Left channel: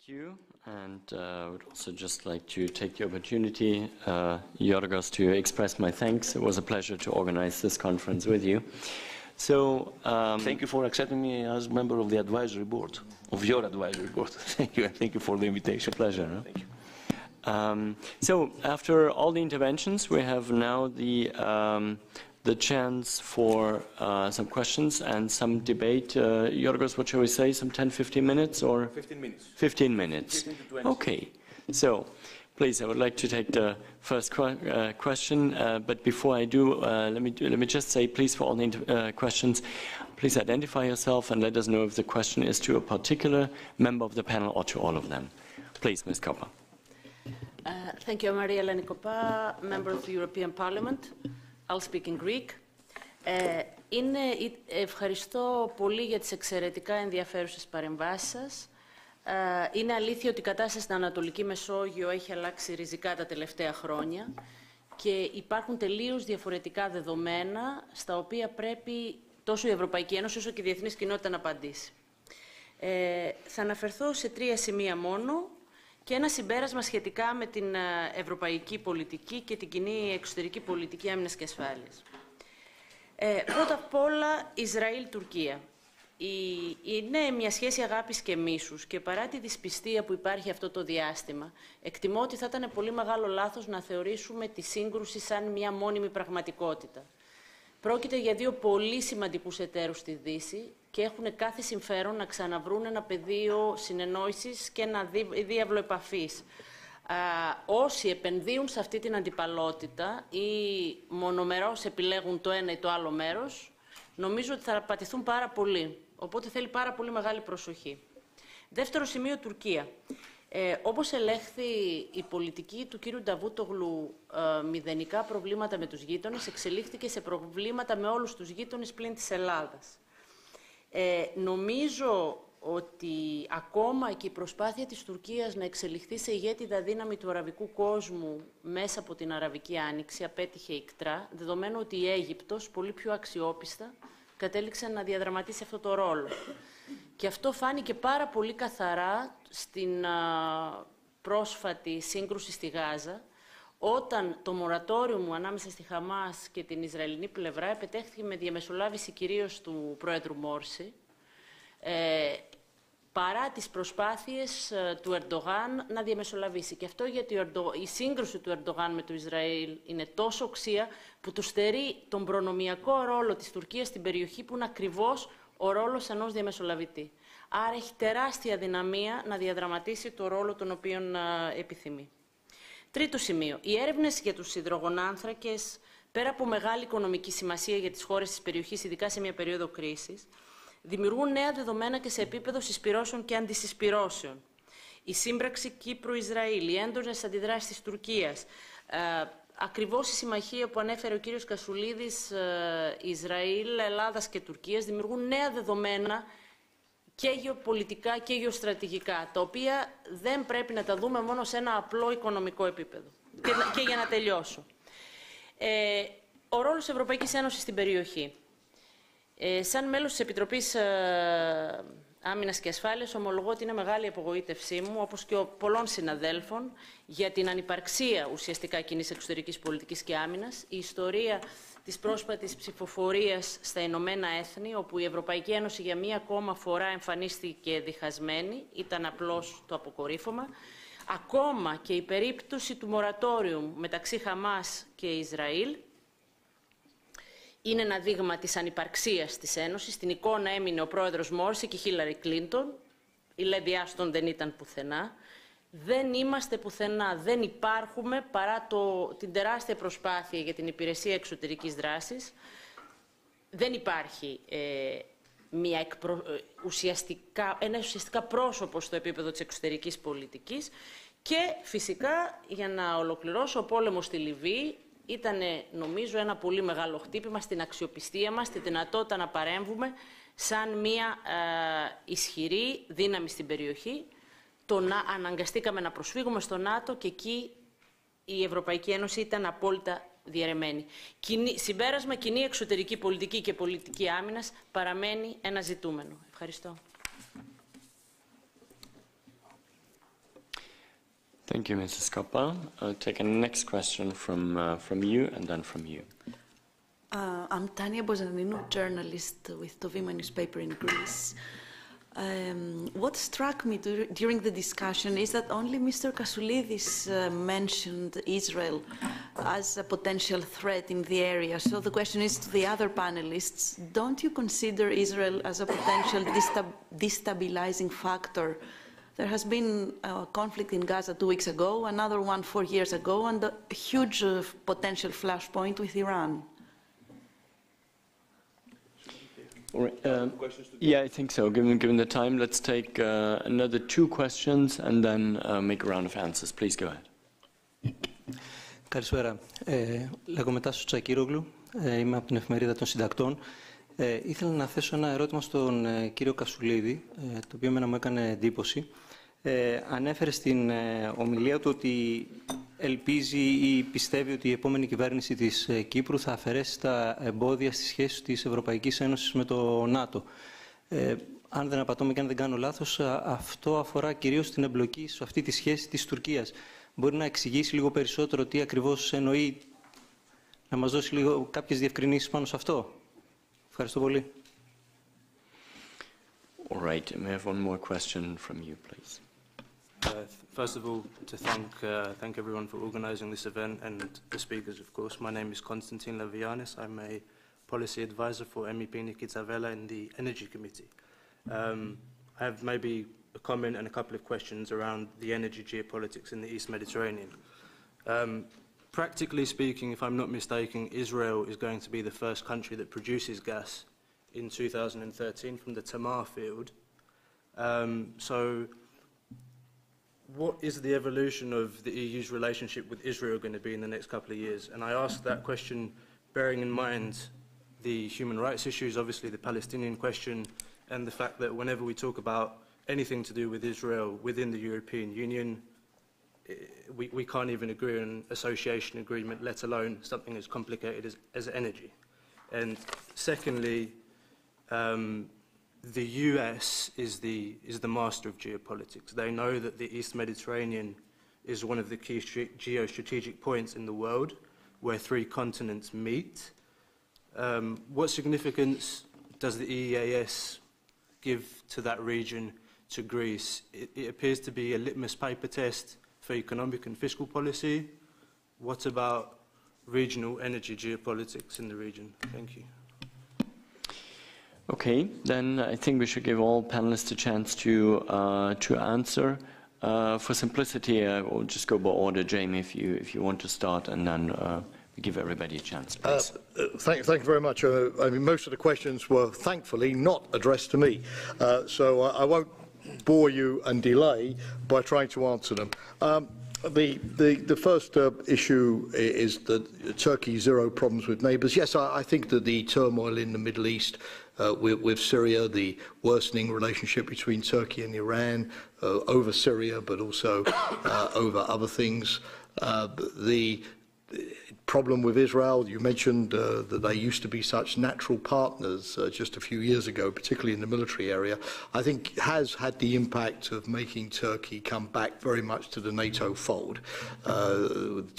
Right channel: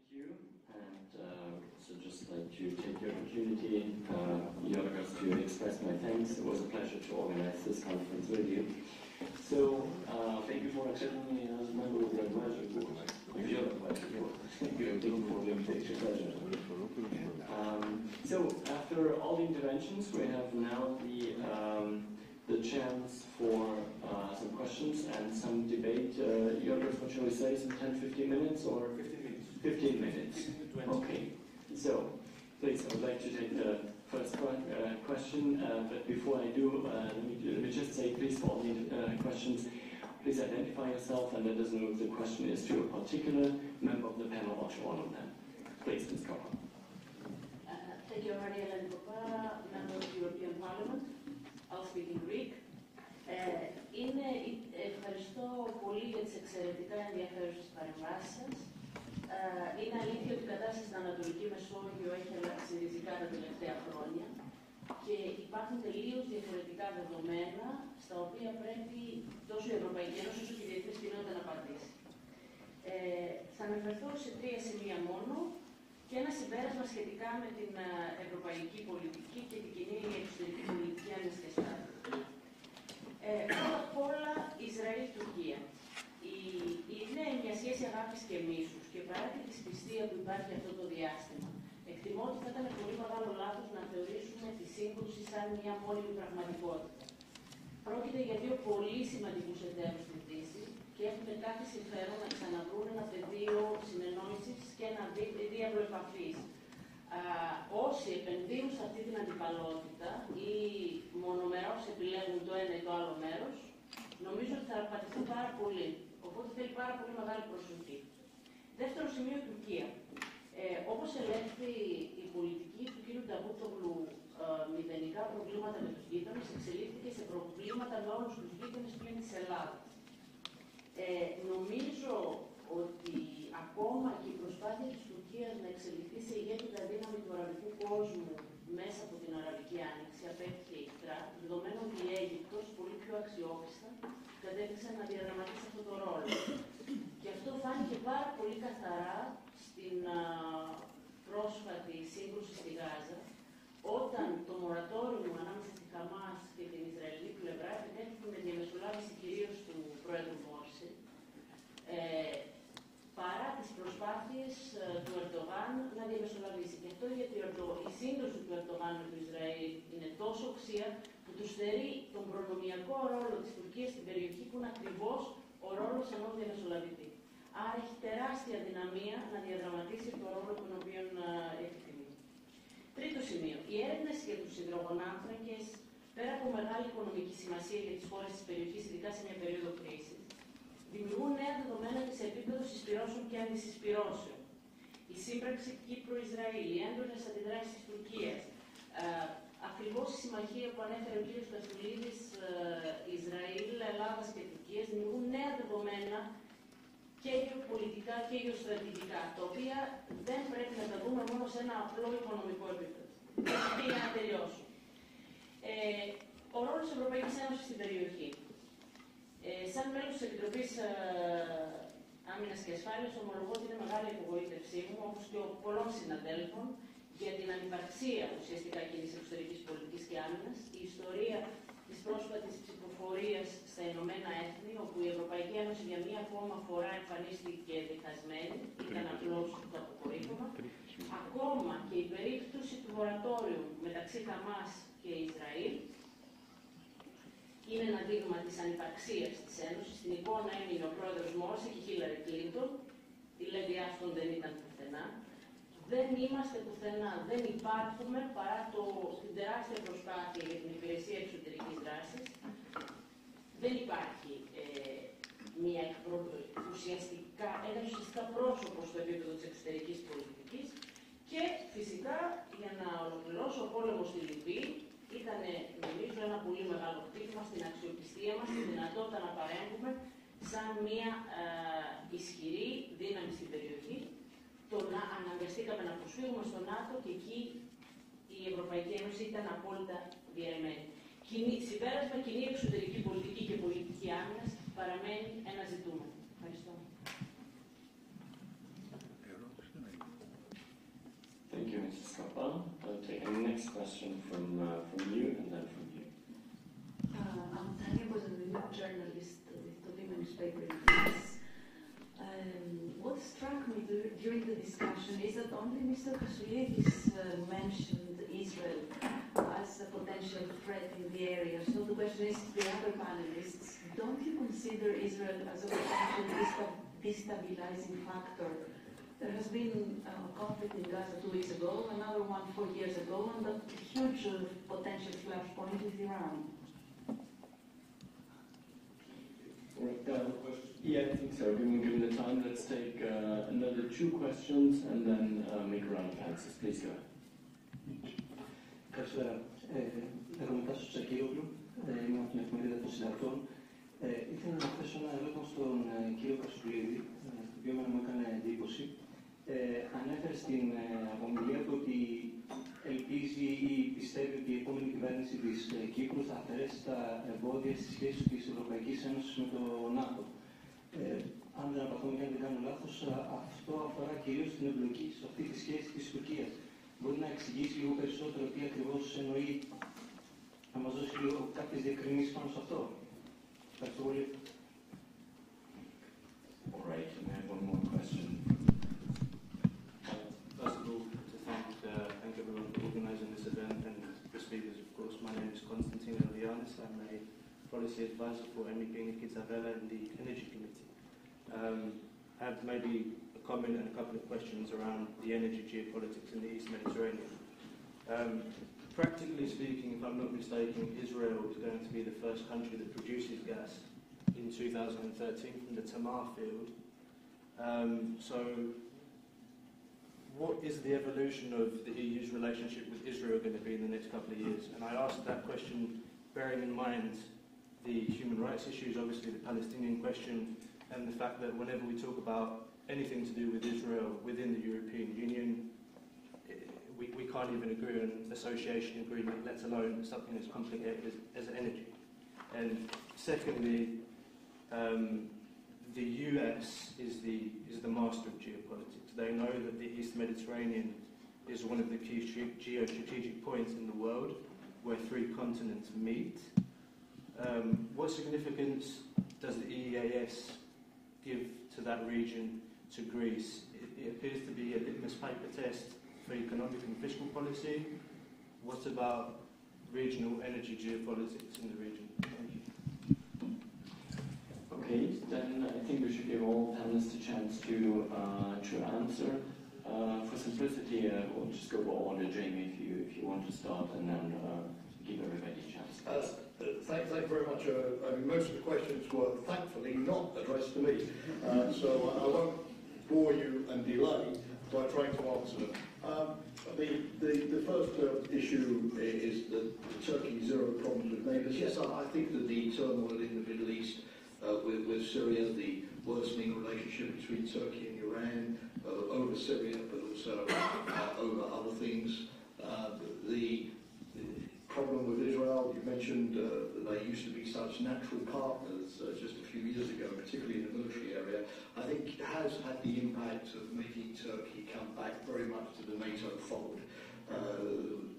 Thank you, and I would also just like to take the opportunity, Yorgos, to express my thanks. It was a pleasure to organize this conference with you. So, thank you for accepting me as member of the advisory board, of your advisory board. Thank you, and thank you for the invitation. Pleasure. So, after all the interventions, we have now the chance for some questions and some debate. Yorgos, what shall we say, some 10-15 minutes? Or 15 minutes. 15 minutes. 15 to 20. Okay. So, please, I would like to take the first question. But before I do, let me just say, please, for all the questions, please identify yourself and let us know if the question is to a particular member of the panel or to all of them. Please, Ms. Koppa. Thank you. I'm Maria Lenikopa, member of the European Parliament. I'll speak in Greek. Ευχαριστώ πολύ για τις εξαιρετικά ενδιαφέρουσες παρεμβάσεις σας. Είναι αλήθεια ότι η κατάσταση στην Ανατολική Μεσόγειο έχει αλλάξει ριζικά τα τελευταία χρόνια και υπάρχουν τελείως διαφορετικά δεδομένα στα οποία πρέπει τόσο η Ευρωπαϊκή Ένωση όσο και η διεθνής κοινότητα να απαντήσει. Θα αναφερθώ σε 3 σημεία μόνο και ένα συμπέρασμα σχετικά με την ευρωπαϊκή πολιτική και την κοινή εξωτερική πολιτική άμυνας και ασφάλειας. Πρώτα απ' όλα, Ισραήλ-Τουρκία. Είναι μια σχέση αγάπης και μίσους και παρά τη δυσπιστία που υπάρχει αυτό το διάστημα, εκτιμώ ότι θα ήταν πολύ μεγάλο λάθος να θεωρήσουμε τη σύγκρουση σαν μια μόνιμη πραγματικότητα. Πρόκειται για 2 πολύ σημαντικούς εταίρους στη Δύση και έχουν κάθε συμφέρον να ξαναβρούν ένα πεδίο συνεννόησης και ένα διάβλο επαφής. Όσοι επενδύουν σε αυτή την αντιπαλότητα ή μονομερώς επιλέγουν το ένα ή το άλλο μέρος, νομίζω ότι θα πατηθούν πάρα πολύ. Οπότε θέλει πάρα πολύ μεγάλη προσοχή. Δεύτερο σημείο, Τουρκία. Όπως ελέγχθη, η πολιτική του κύριου Νταβούτογλου μηδενικά προβλήματα με τους γείτονες εξελίχθηκε σε προβλήματα με όλους τους γείτονες πλην της Ελλάδας. Νομίζω ότι ακόμα και η προσπάθεια της Τουρκίας να εξελιχθεί σε ηγέτιδα δύναμη του αραβικού κόσμου μέσα από την Αραβική Άνοιξη απέτυχε ικτρά, δεδομένου ότι η Αίγυπτος, πολύ πιο αξιόπιστα, κατέληξε να διαδραματίσει αυτό το ρόλο. Και αυτό φάνηκε πάρα πολύ καθαρά στην πρόσφατη σύγκρουση στη Γάζα, όταν το μορατόριο ανάμεσα στη Χαμάς και την Ισραηλινή πλευρά επετέχθηκε με διαμεσολάβηση κυρίως του Πρόεδρου Μόρση, παρά τις προσπάθειες του Ερντογάν να διαμεσολαβήσει. Και αυτό γιατί η σύγκρουση του Ερντογάν με το Ισραήλ είναι τόσο οξία που του στερεί τον προνομιακό ρόλο της Τουρκίας στην περιοχή που είναι ακριβώς ο ρόλος ενός διαμεσολαβητή. Άρα έχει τεράστια δυναμία να διαδραματίσει το ρόλο τον οποίο επιθυμεί. Τρίτο σημείο. Οι έρευνες για τους υδρογονάνθρακες, πέρα από μεγάλη οικονομική σημασία για τις χώρες της περιοχής, ειδικά σε μια περίοδο κρίσης, δημιουργούν νέα δεδομένα και σε επίπεδο συσπυρώσεων και αντισυσπυρώσεων. Η σύμπραξη Κύπρου-Ισραήλ, οι έντονες αντιδράσεις της Τουρκίας, ακριβώς η συμμαχία που ανέφερε ο κύριος Κασουλίδης, Ισραήλ, Ελλάδας και Τουρκίας, δημιουργούν νέα δεδομένα και γεωπολιτικά και γεωστρατηγικά, τα οποία δεν πρέπει να τα δούμε μόνο σε ένα απλό οικονομικό επίπεδο. Και για να τελειώσω. Ο ρόλος της Ευρωπαϊκής Ένωσης στην περιοχή. Σαν μέλος της Επιτροπής Άμυνας και Ασφάλειας, ομολογώ ότι είναι μεγάλη απογοήτευσή μου, όπως και πολλών συναδέλφων, για την ανυπαρξία ουσιαστικά κοινής εξωτερικής πολιτικής και άμυνας. Η ιστορία της πρόσφατης ψηφοφορίας στα Ηνωμένα Έθνη, όπου η Ευρωπαϊκή Ένωση για μία ακόμα φορά εμφανίστηκε διχασμένη, ήταν απλώς το αποκορύφωμα. Ακόμα και η περίπτωση του μορατόριου μεταξύ Χαμάς και Ισραήλ είναι ένα δείγμα της ανυπαρξίας της Ένωσης. Στην εικόνα έμεινε ο πρόεδρος Μόρση και η Χίλαρη Κλίντον. Η Λέδη Άστον δεν ήταν πουθενά. Δεν είμαστε πουθενά, δεν υπάρχουμε παρά την τεράστια προσπάθεια για την υπηρεσία εξωτερικής δράσης. Δεν υπάρχει ένα ουσιαστικά πρόσωπο στο επίπεδο της εξωτερικής πολιτικής. Και φυσικά, για να ολοκληρώσω, ο πόλεμος στη Λιβύη ήταν, νομίζω, ένα πολύ μεγάλο χτύπημα στην αξιοπιστία μας, στη δυνατότητα να παρέμβουμε σαν μια ισχυρή δύναμη στην περιοχή. Αναγκαστήκαμε να προσφύγουμε στο ΝΑΤΟ και εκεί η Ευρωπαϊκή Ένωση ήταν απόλυτα διαιρεμένη. Συμπέρασμα, κοινή εξωτερική πολιτική και πολιτική άμυνας παραμένει ένα ζητούμενο. Ευχαριστώ. Thank you, Mrs. Koppa. I'll take a next question from you and then from you. I'm Tania Bozaninu, journalist with Tovima newspaper in Greece. What struck me during the discussion is that only Mr. Kassoulidis mentioned Israel as a potential threat in the area. So the question is to the other panelists, don't you consider Israel as a potential destabilizing factor? There has been a conflict in Gaza 2 weeks ago, another one 4 years ago, and a huge potential flashpoint with Iran. All right. Yeah, I think so. Given the time, let's take another 2 questions and then make a round of answers. Please go ahead. Καλησπέρα. Λέγομαι Τάσος Τσακύρογλου, είμαι από την Εφημερίδα των Συντακτών. Ήθελα να θέσω ένα ερώτημα στον κύριο Κασσουλίδη, το οποίο εμένα μου έκανε εντύπωση. Ανέφερε στην ομιλία του ότι ελπίζει ή πιστεύει ότι η επόμενη κυβέρνηση της Κύπρου θα αφαιρέσει τα εμπόδια στις σχέσεις της Ευρωπαϊκής Ένωσης με το ΝΑΤΟ. Αν δεν απατώμε και αν δεν κάνω λάθος, αυτό αφορά κυρίως την εμπλοκή σε αυτή τη σχέση της Τουρκίας. Μπορεί να εξηγήσει λίγο περισσότερο τι ακριβώς εννοεί, να μας δώσει λίγο κάποιες διευκρινήσεις πάνω σε αυτό. Ευχαριστώ πολύ. All right, and we have one more question from you, please. First of all, to thank everyone for organising this event and the speakers, of course. My name is Konstantin Lavianis. I'm a policy advisor for MEP Nikita Vela in the Energy Committee. I have maybe a comment and a couple of questions around the energy geopolitics in the East Mediterranean. Practically speaking, if I'm not mistaken, Israel is going to be the first country that produces gas in 2013 from the Tamar field. So what is the evolution of the EU's relationship with Israel going to be in the next couple of years? And I ask that question bearing in mind the human rights issues, obviously the Palestinian question, and the fact that whenever we talk about anything to do with Israel within the European Union, we can't even agree on an association agreement, let alone something as complicated as energy. And secondly, the US is the master of geopolitics. They know that the East Mediterranean is one of the key geostrategic points in the world where 3 continents meet. What significance does the EEAS give to that region, to Greece? It appears to be a litmus paper test for economic and fiscal policy. What about regional energy geopolitics in the region? Thank you. Okay, then I think we should give all panelists a chance to answer. For simplicity, I will just go by order. Jamie, if you want to start, and then give everybody a chance, please. Thank you very much. I mean, most of the questions were thankfully not addressed to me, so I won't bore you and delay by trying to answer them. The first issue is that Turkey zero problems with neighbours. Yes, I think that the turmoil in the Middle East with Syria, the worsening relationship between Turkey and Iran over Syria, but also over other things. The problem with Israel, you mentioned that they used to be such natural partners just a few years ago, particularly in the military area, I think has had the impact of making Turkey come back very much to the NATO fold.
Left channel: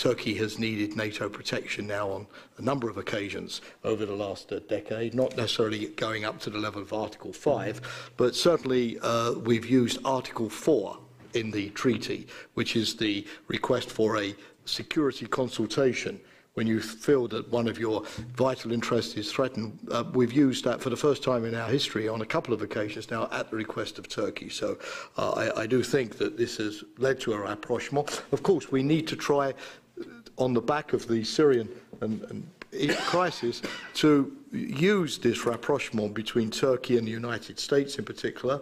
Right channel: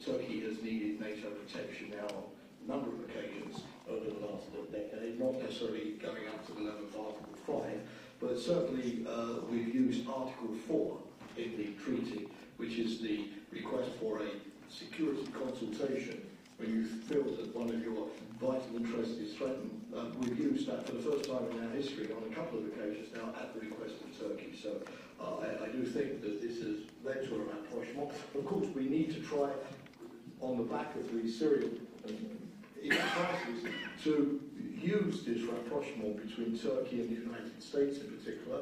Turkey has needed NATO protection now on a number of occasions over the last decade, not necessarily going up to the level of Article 5, but certainly we've used Article 4 in the treaty, which is the request for a security consultation when you feel that one of your vital interests is threatened. We've used that for the first time in our history on a couple of occasions now at the request of Turkey. So I do think that this has led to a rapprochement. Of course, we need to try, on the back of the Syrian crisis, to use this rapprochement between Turkey and the United States in particular,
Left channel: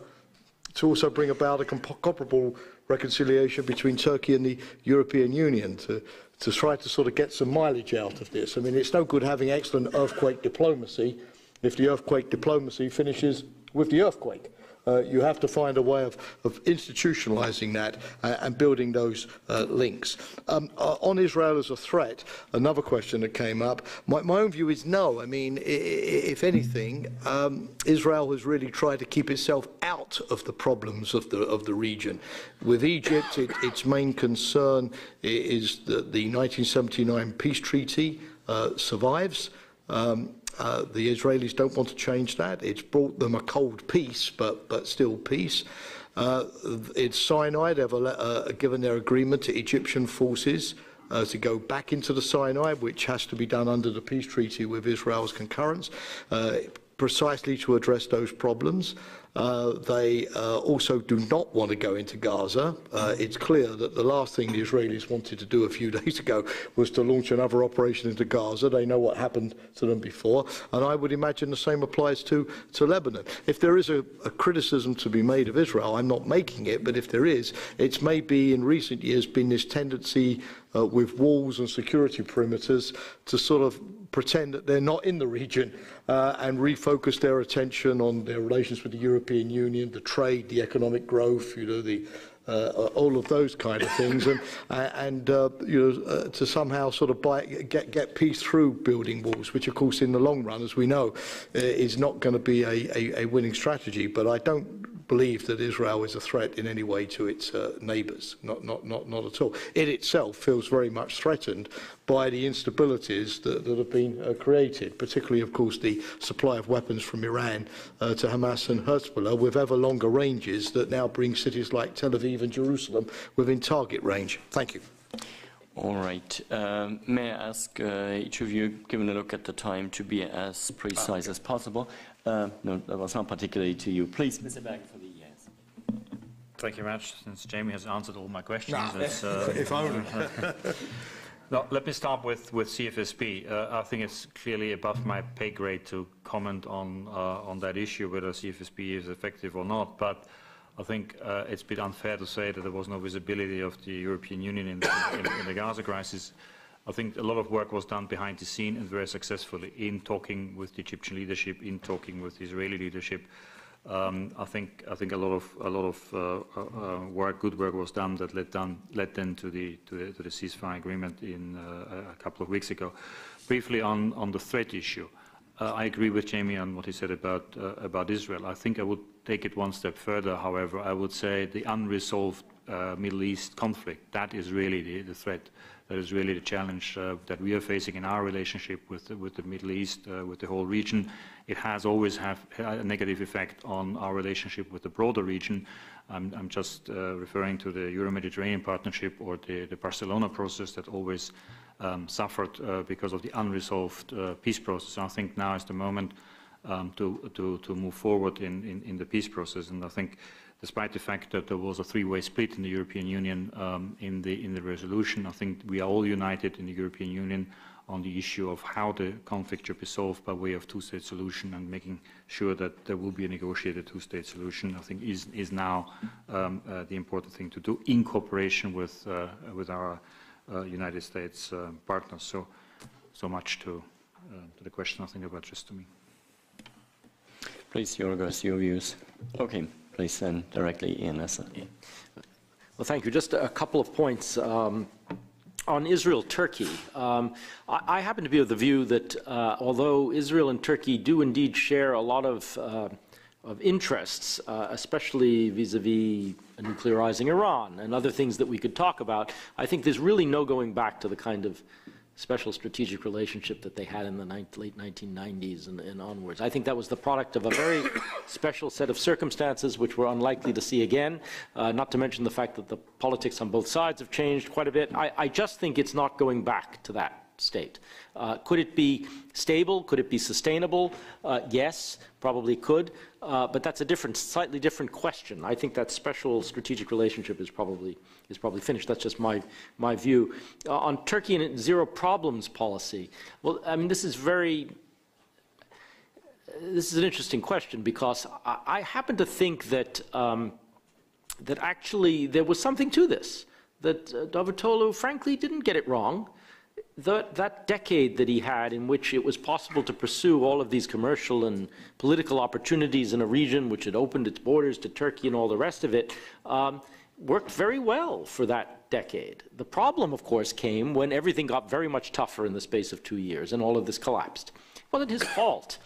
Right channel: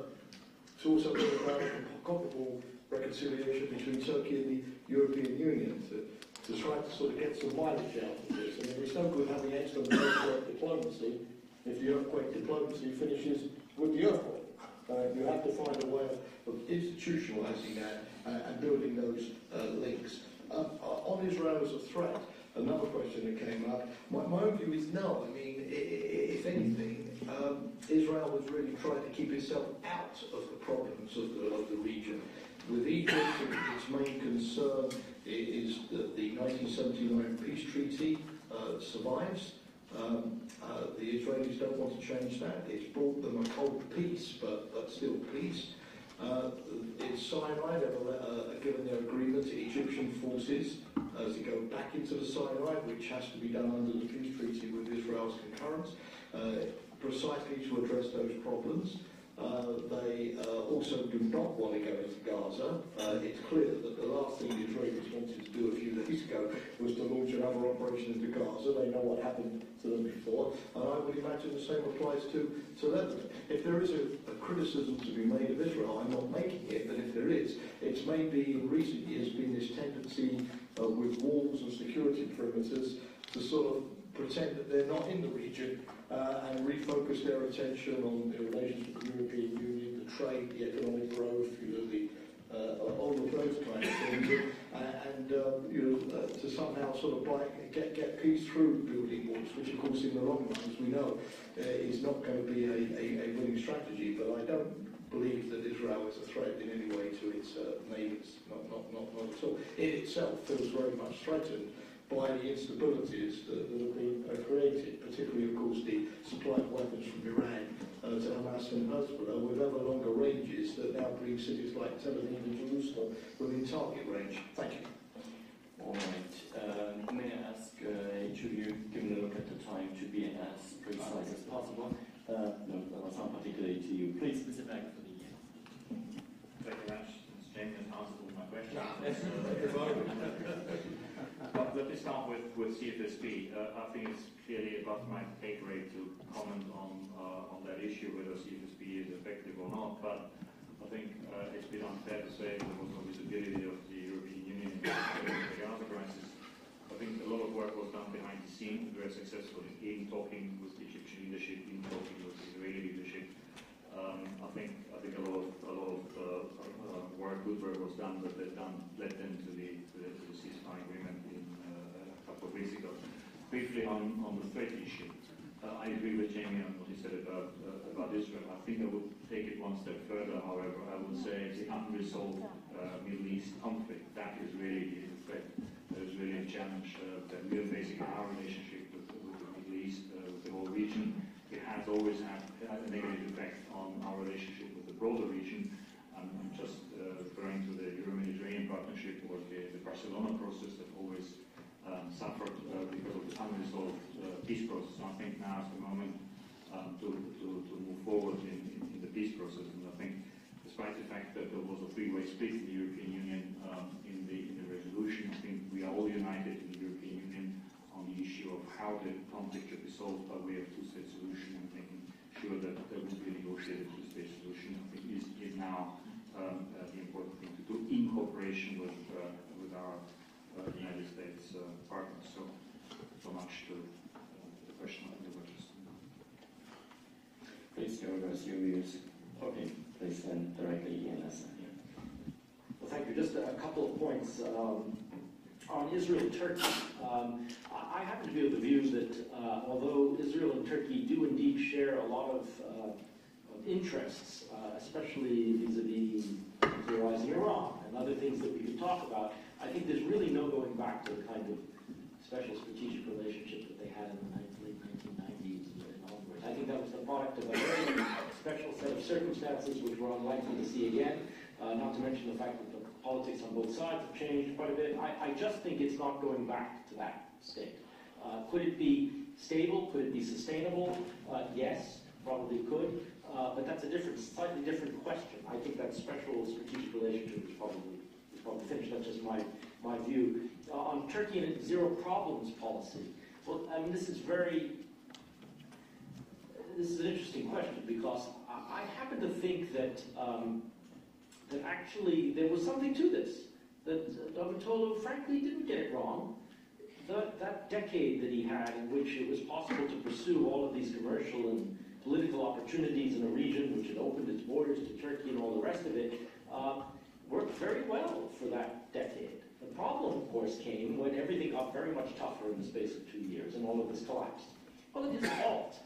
to also bring about a comparable reconciliation between Turkey and the European Union, to try to sort of get some mileage out of this. I mean, it's no good having excellent earthquake diplomacy if the earthquake diplomacy finishes with the earthquake. You have to find a way of institutionalizing that and building those links. On Israel as a threat, another question that came up, my own view is no. I mean, if anything, Israel has really tried to keep itself out of the problems of the region. With Egypt, its main concern is that the 1979 peace treaty survives. The Israelis don't want to change that. It's brought them a cold peace, but still peace. It's Sinai. They've given their agreement to Egyptian forces to go back into the Sinai, which has to be done under the peace treaty with Israel's concurrence, precisely to address those problems. They also do not want to go into Gaza. It's clear that the last thing the Israelis wanted to do a few days ago was to launch another operation into Gaza. They know what happened to them before, and I would imagine the same applies to Lebanon. If there is a criticism to be made of Israel, I'm not making it, but if there is, it's maybe in recent years been this tendency with walls and security perimeters to sort of pretend that they're not in the region and refocus their attention on their relations with the European Union, the trade, the economic growth, you know, all of those kind of things, and to somehow sort of get peace through building walls, which of course in the long run, as we know, is not going to be a winning strategy. But I don't believe that Israel is a threat in any way to its neighbours, not at all. It itself feels very much threatened by the instabilities that have been created, particularly, of course, the supply of weapons from Iran to Hamas and Hezbollah, with ever longer ranges that now bring cities like Tel Aviv and Jerusalem within target range. Thank you. All right. May I ask each of you, given a look at the time, to be as precise as possible? No, that was not particularly to you. Please, Mr. Berg, for the yes. Thank you very much. Since Jamie has answered all my questions, if only. No, let me start with CFSP. I think it's clearly above my pay grade to comment on that issue, whether CFSP is effective or not. But I think it's a bit unfair to say that there was no visibility of the European Union in the Gaza crisis. I think a lot of work was done behind the scene and very successfully in talking with the Egyptian leadership, in talking with the Israeli leadership. I think a lot of work, good work, was done that led then to the ceasefire agreement in a couple of weeks ago. Briefly on the threat issue, I agree with Jamie on what he said about Israel. I think I would take it one step further. However, I would say the unresolved Middle East conflict, that is really the threat. That is really the challenge that we are facing in our relationship with the Middle East, with the whole region. It has always had a negative effect on our relationship with the broader region. I'm just referring to the Euro-Mediterranean Partnership or the Barcelona process that always suffered because of the unresolved peace process. I think now is the moment to move forward in the peace process, and I think despite the fact that there was a three-way split in the European Union in the resolution, I think we are all united in the European Union on the issue of how the conflict should be solved by way of two-state solution, and making sure that there will be a negotiated two-state solution, I think is now the important thing to do in cooperation with our United States partners. So much to the question, I think, about just to me. Please, Yorgos, your views. Okay. Please then directly Ian. Well, thank you. Just a couple of points. On Israel-Turkey, I happen to be of the view that although Israel and Turkey do indeed share a lot of interests, especially vis-a-vis nuclearizing Iran and other things that we could talk about, I think there's really no going back to the kind of special strategic relationship that they had in the late 1990s and onwards. I think that was the product of a very special set of circumstances which we're unlikely to see again, not to mention the fact that the politics on both sides have changed quite a bit. I just think it's not going back to that state. Could it be stable? Could it be sustainable? Yes, probably could, but that's a slightly different question. I think that special strategic relationship is probably finished. That's just my view. On Turkey and its zero problems policy, well, I mean, this is an interesting question, because I happen to think that that actually there was something to this, that Davutoglu frankly didn't get it wrong. that decade that he had in which it was possible to pursue all of these commercial and political opportunities in a region which had opened its borders to Turkey and all the rest of it, worked very well for that decade. The problem, of course, came when everything got very much tougher in the space of 2 years and all of this collapsed. It wasn't his fault,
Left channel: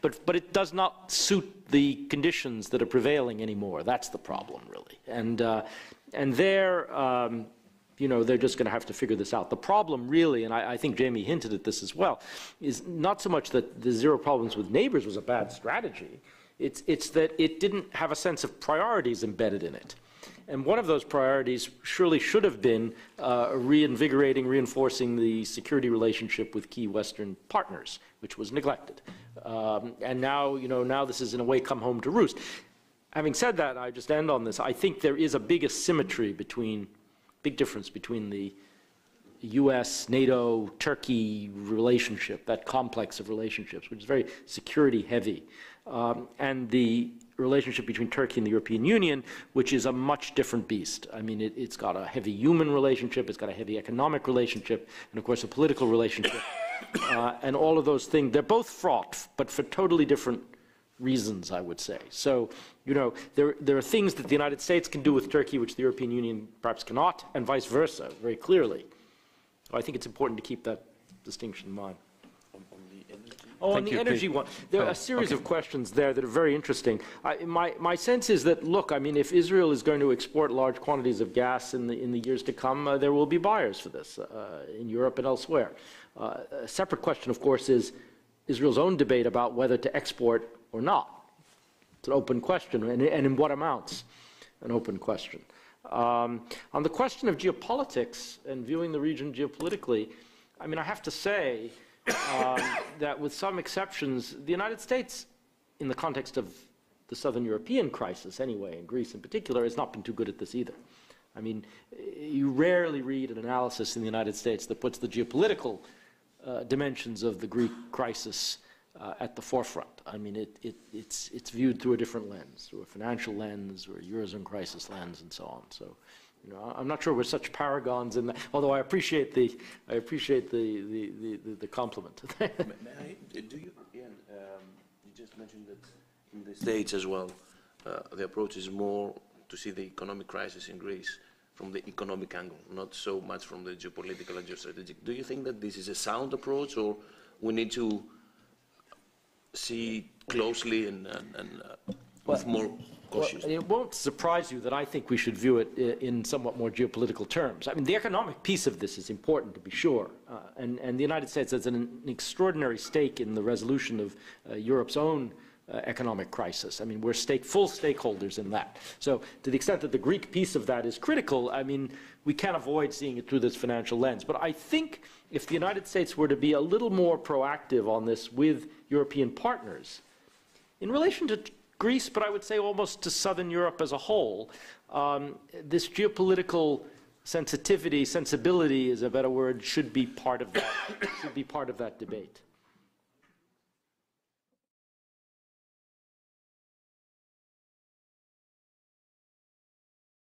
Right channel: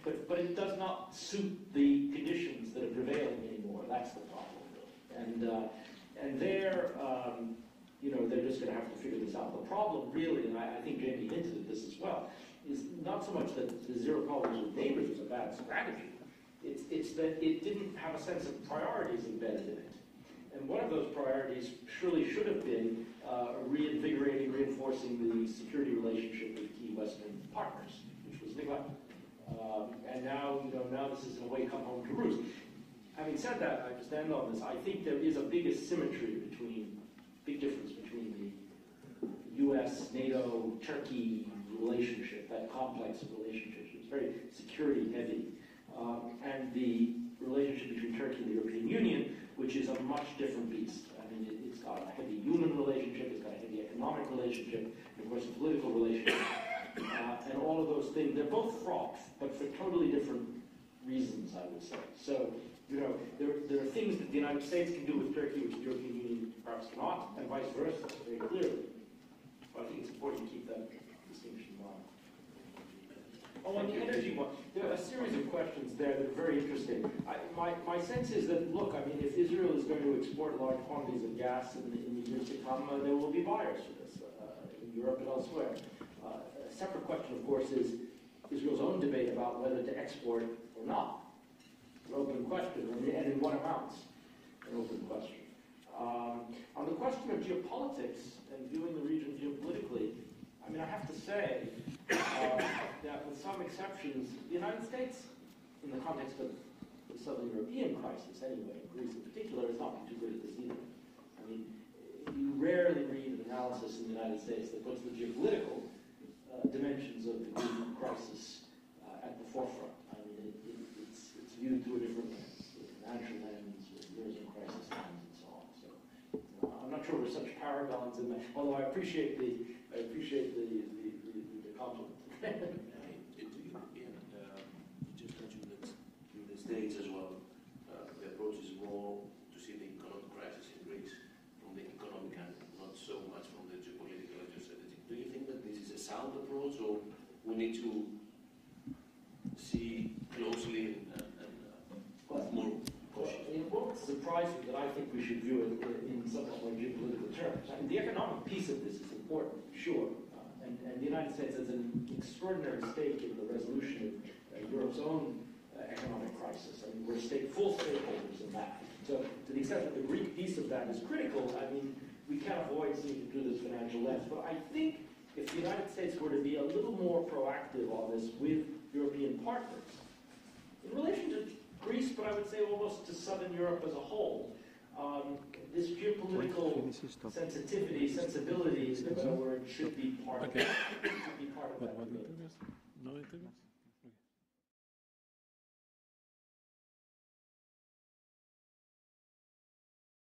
but it does not suit the conditions that are prevailing anymore. That's the problem, really. And there, you know, they're just going to have to figure this out. The problem really, and I think Jamie hinted at this as well, is not so much that the zero problems with neighbors was a bad strategy. It's that it didn't have a sense of priorities embedded in it. And one of those priorities surely should have been reinvigorating, reinforcing the security relationship with key Western partners, which was neglected. And now, you know, now this is in a way come home to roost. Having said that, I just end on this. I think there is a big asymmetry between, big difference between the US, NATO, Turkey relationship, that complex of relationships, which is very security heavy, and the relationship between Turkey and the European Union, which is a much different beast. I mean, it's got a heavy human relationship, it's got a heavy economic relationship, and of course a political relationship. And all of those things, they're both fraught, but for totally different reasons, I would say. So, you know, there are things that the United States can do with Turkey which the European Union perhaps cannot, and vice versa, very clearly. I think it's important to keep that distinction in mind. Oh, on the energy one, there are a series of questions there that are very interesting. My sense is that, look, I mean, if Israel is going to export large quantities of gas in the years to come, there will be buyers for this in Europe and elsewhere. A separate question, of course, is Israel's own debate about whether to export or not. It's an open question, and in what amounts, an open question. On the question of geopolitics and viewing the region geopolitically, I mean, I have to say that with some exceptions, the United States, in the context of the Southern European crisis anyway, and Greece in particular, has not been too good at this either. I mean, you rarely read an analysis in the United States that puts the geopolitical dimensions of the Greek crisis at the forefront. I mean, it's viewed through a different lens, through a financial lens, or a Eurozone crisis lens, and so on. So, you know, I'm not sure we're such paragons in that. Although I appreciate the compliment. Do you? Yeah, you just mentioned that in the States as well, the approach is more to see the economic crisis in Greece from the economic angle, not so much from the geopolitical and geostrategic. Do you think that this is a sound approach, or we need to see closely and with more caution? Well, it won't surprise you that I think we should view it in somewhat more geopolitical terms. I mean, the economic piece of this is important, to be sure, and the United States has an extraordinary stake in the resolution of Europe's own economic crisis. I mean, we're full stakeholders in that. So to the extent that the Greek piece of that is critical, I mean, we can't avoid seeing it through this financial lens. But I think if the United States were to be a little more proactive on this with European partners, in relation to Greece, but I would say almost to Southern Europe as a whole, this geopolitical sensibility is a better word, should be part of that, debate.